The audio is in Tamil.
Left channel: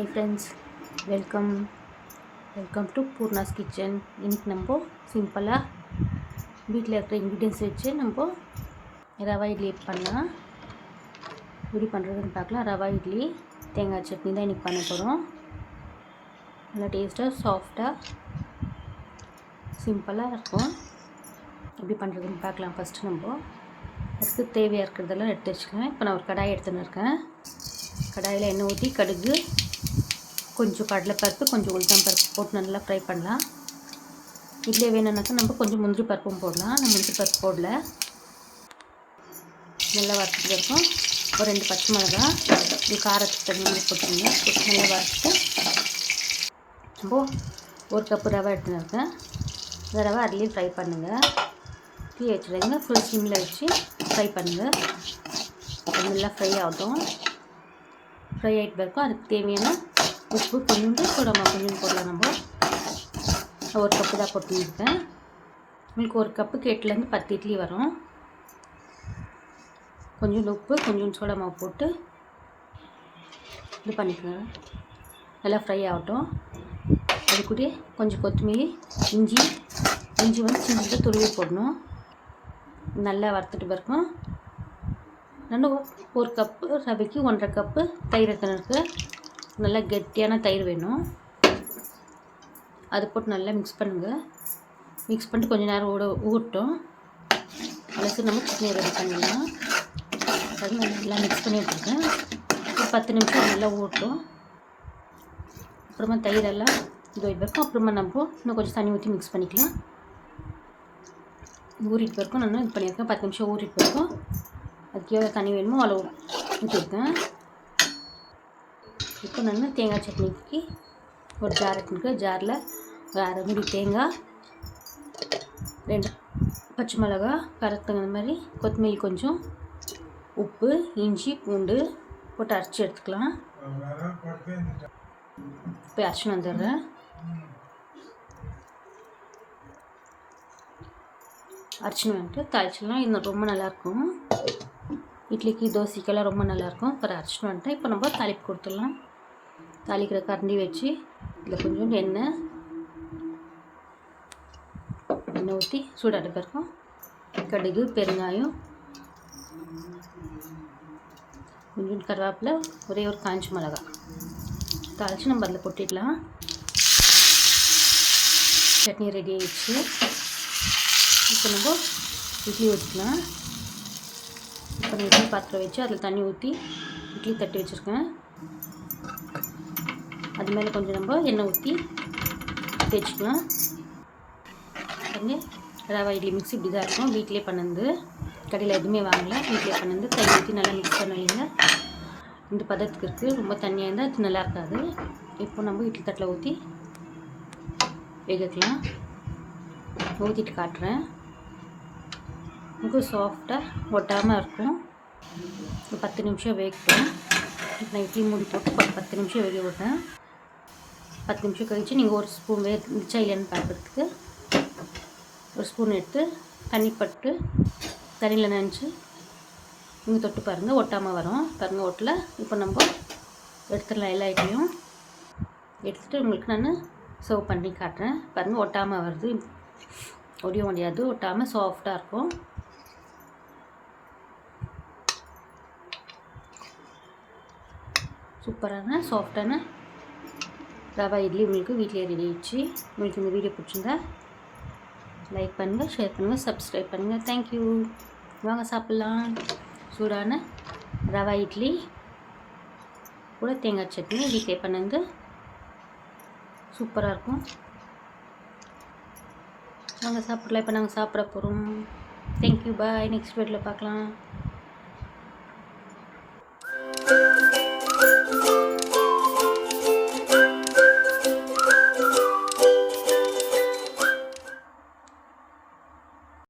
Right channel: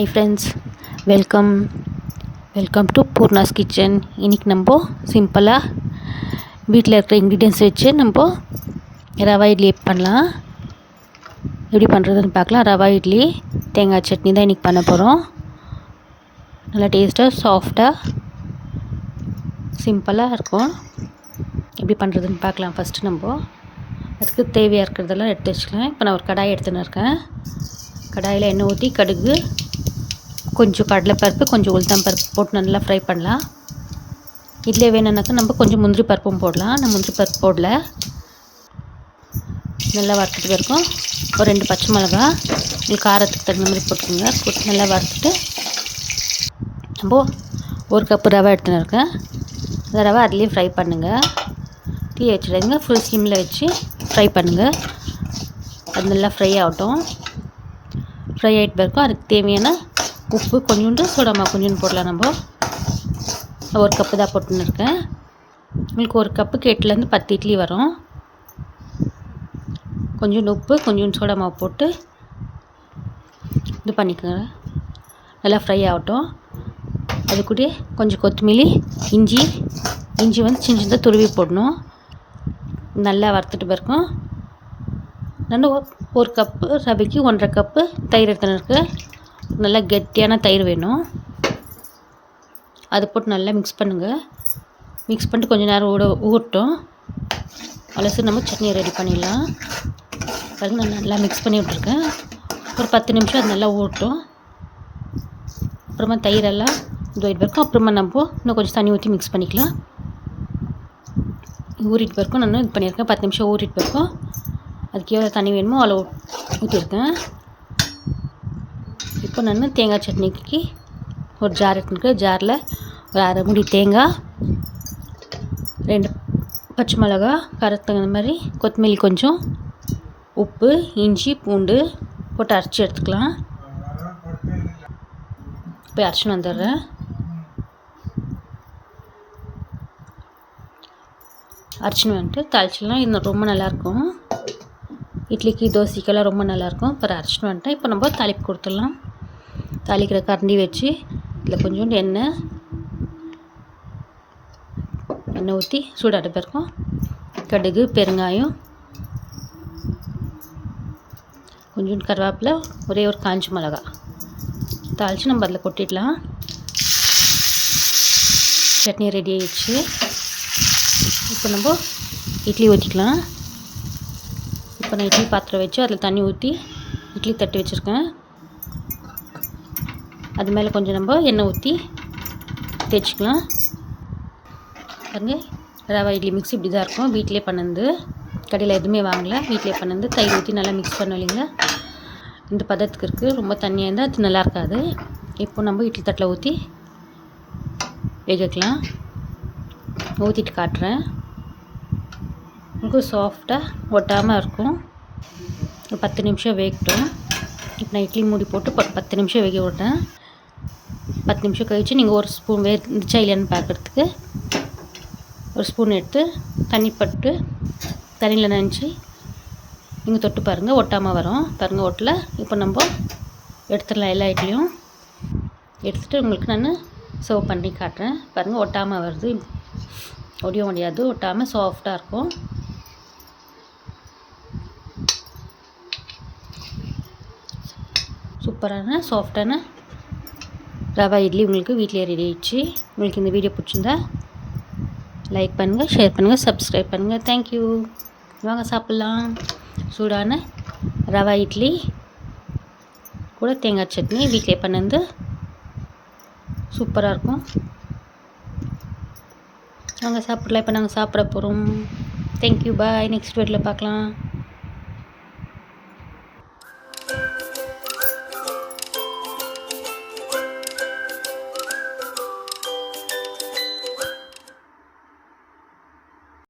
High friends, welcome welcome to Poorna's kitchen. இன்றைக்கி நம்ம சிம்பிளாக வீட்டில் இருக்கிற இன்க்ரீடியன்ஸ் வச்சு நம்ம ரவா இட்லி பண்ணலாம். எப்படி பண்ணுறதுன்னு பார்க்கலாம். ரவா இட்லி தேங்காய் சட்னி தான் இன்றைக்கி பண்ண போகிறோம். நல்லா டேஸ்ட்டாக சாஃப்டாக சிம்பிளாக இருக்கும். எப்படி பண்ணுறதுன்னு பார்க்கலாம். ஃபஸ்ட்டு நம்ம அதுக்கு தேவையாக இருக்கிறதெல்லாம் எடுத்து வச்சுக்கலாம். இப்போ நான் ஒரு கடாய் எடுத்துன்னு இருக்கேன். கடாயில் எண்ணெய் ஊற்றி கடுகு, கொஞ்சம் கடலைப்பருப்பு, கொஞ்சம் உளுத்தம் பருப்பு போட்டு நல்லா ஃப்ரை பண்ணலாம். இட்லி வேணும்னாக்கா நம்ம கொஞ்சம் முந்திரி பருப்பும் போடலாம். நான் முந்திரி பருப்பு போடல. நல்லா வறுத்துட்டு இருக்கும். ஒரு 2 பச்சை மிளகா உங்களுக்கு காரத்துக்கு தகுந்த மாதிரி போட்டுக்கோங்க. போட்டு நல்லா வறுத்துட்டு நம்ம 1 கப்பு ரவை எடுத்துன்னு இருக்கேன். அந்த ரவை அதுலேயே ஃப்ரை பண்ணுங்கள். டீ வச்சுடுங்க. ஃபுல் ஸ்லிமில் வச்சு ஃப்ரை பண்ணுங்கள். அது நல்லா ஃப்ரை ஆகட்டும். ஃப்ரை ஆகிட்டு பிறக்கும் அதுக்கு தேவையான உப்பு, கொஞ்சோண்டு சோடாமா கொஞ்சோண்டு போடலாம். நம்ம 1 கப்பு தான் போட்டுன்னு இருக்கேன். உங்களுக்கு 1 கப்புக்கு 8லேருந்து 10 இட்லி வரும். கொஞ்சோண்டு உப்பு, கொஞ்சோண்டு சோடாமா போட்டு இது பண்ணிக்கோங்க. நல்லா ஃப்ரை ஆகட்டும். அது கூட கொஞ்சம் கொத்தமல்லி, இஞ்சி வந்து சின்ன சின்னதாக துருவி போடணும். நல்லா வறுத்துட்டு பிறக்கும். நான் 1 கப்பு ரவைக்கு 1.5 கப்பு தயிர் எடுத்துன்னு இருக்கு. நல்லா கெட்டியான தயிர் வேணும். அது போட்டு நல்லா மிக்ஸ் பண்ணுங்கள். மிக்ஸ் பண்ணிட்டு கொஞ்சம் நேரம் ஊறட்டும். அலசி நம்ம சட்னி ரெடி பண்ணிடலாம். அது நான் நல்லா மிக்ஸ் பண்ணி விட்ருக்கேன். ஒரு 10 நிமிஷம் அது நல்லா ஊறட்டும். அப்புறமா தயிரெல்லாம் இதுவாகிட்டு பிறக்கும். அப்புறமா நம்ம இன்னும் கொஞ்சம் தண்ணி ஊற்றி மிக்ஸ் பண்ணிக்கலாம். ஊறிட்டு பிறக்கும். நான் இது பண்ணியிருக்கேன். 10 நிமிஷம் ஊறிட்டு பிறக்கும். அதுக்கு எவ்வளோ தண்ணி வேணுமோ அவ்வளோ ஊற்றிருக்கேன். இப்போ நான் தேங்காய் சட்னிக்கு ஒரு ஜார் எடுத்துருக்கேன். ஜாரில் ஒரு 1/2 மூடி தேங்காய், 2 பச்சை மிளகா, காரத்துக்கு தகுந்த மாதிரி கொத்தமல்லி, கொஞ்சம் உப்பு, இஞ்சி, பூண்டு போட்டு அரைச்சி எடுத்துக்கலாம். இப்போ அரைச்சின்னு வந்துடுறேன். அரைச்சின்னு வந்துட்டு தாளிச்சிடலாம். இது ரொம்ப நல்லாயிருக்கும். இட்லிக்கு, தோசைக்கெல்லாம் ரொம்ப நல்லாயிருக்கும். இப்போ அரைச்சின்னு வந்துட்டேன். இப்போ நம்ம தாளிப்பு கொடுத்துடலாம். தாளிக்கிற கரண்டி வச்சு இதில் கொஞ்சோண்டு எண்ணெய் ஊற்றி சூடாட்ட பிறக்கும் கடுகு, பெருங்காயம், கொஞ்சோண்டு கருவேப்பிலை, ஒரே ஒரு காஞ்ச மிளகா தாளித்து நம்ம அதில் கொட்டிடலாம். சட்னி ரெடி ஆகிடுச்சு. இப்போ நம்ம இட்லி ஊற்றிக்கலாம். இப்போ நான் இட்லி பாத்திரம் வச்சு அதில் தண்ணி ஊற்றி இட்லி தட்டி வச்சுருக்கேன். அது மேலே கொஞ்சம் நம்ம எண்ணெய் ஊற்றி தேய்ச்சிக்கலாம். பாருங்க, ரவா இட்லி மிக்ஸ் இப்படி தான் இருக்கும். வீட்டிலே பண்ணது, கடையில் எதுவுமே வாங்கலை. வீட்டிலே பண்ணது. தயிர் ஊற்றி நல்லா மிக்ஸ் பண்ணலைங்க. இந்த பதத்துக்கு இருக்குது. ரொம்ப தண்ணியாக இருந்தால் அது நல்லா இருக்காது. இப்போ நம்ம இட்லி தட்டில் ஊற்றி வேகக்கலாம். ஊற்றிட்டு காட்டுறேன். ரொம்ப சாஃப்டாக ஒட்டாமல் இருக்கும். ஒரு 10 நிமிஷம் வேகட்டும். இப்போ நான் இட்லி மூடி போட்டு 10 நிமிஷம் வேக விட்றேன். 10 நிமிஷம் கழித்து நீங்கள் ஒரு ஸ்பூன் இருந்துச்சா இல்லையான்னு பார்க்குறதுக்கு ஒரு ஸ்பூன் எடுத்து தண்ணி பட்டு தண்ணியில் நனைச்சி நீங்கள் தொட்டு பாருங்கள். ஒட்டாமல் வரும். பாருங்கள், ஒட்டலை. இப்போ நம்ம எடுத்துடலாம். எல்லா இட்லியும் எடுத்துகிட்டு உங்களுக்கு நான் சர்வ் பண்ணி காட்டுறேன். பாருங்கள், ஒட்டாமல் வருது. ஒடியும் முடியாது. ஒட்டாமல் சாஃப்டாக இருக்கும். சூப்பரான சாஃப்டான ரவா இட்லி உங்களுக்கு வீட்டிலே ரெடி ஆகிடுச்சு. உங்களுக்கு இந்த வீடியோ பிடிச்சிருந்தா லைக் பண்ணுங்கள், ஷேர் பண்ணுங்கள், சப்ஸ்கிரைப் பண்ணுங்கள். தேங்க்யூ. வாங்க சாப்பிட்லாம். சூடான ரவா இட்லி கூட தேங்காய் சட்னி வீட்டிலே பண்ணது சூப்பராக இருக்கும். வாங்க சாப்பிடலாம். இப்போ நாங்கள் சாப்பிட போகிறோம். தேங்க்யூ. பாய். நெக்ஸ்ட் வீடியோவில் பார்க்கலாம்.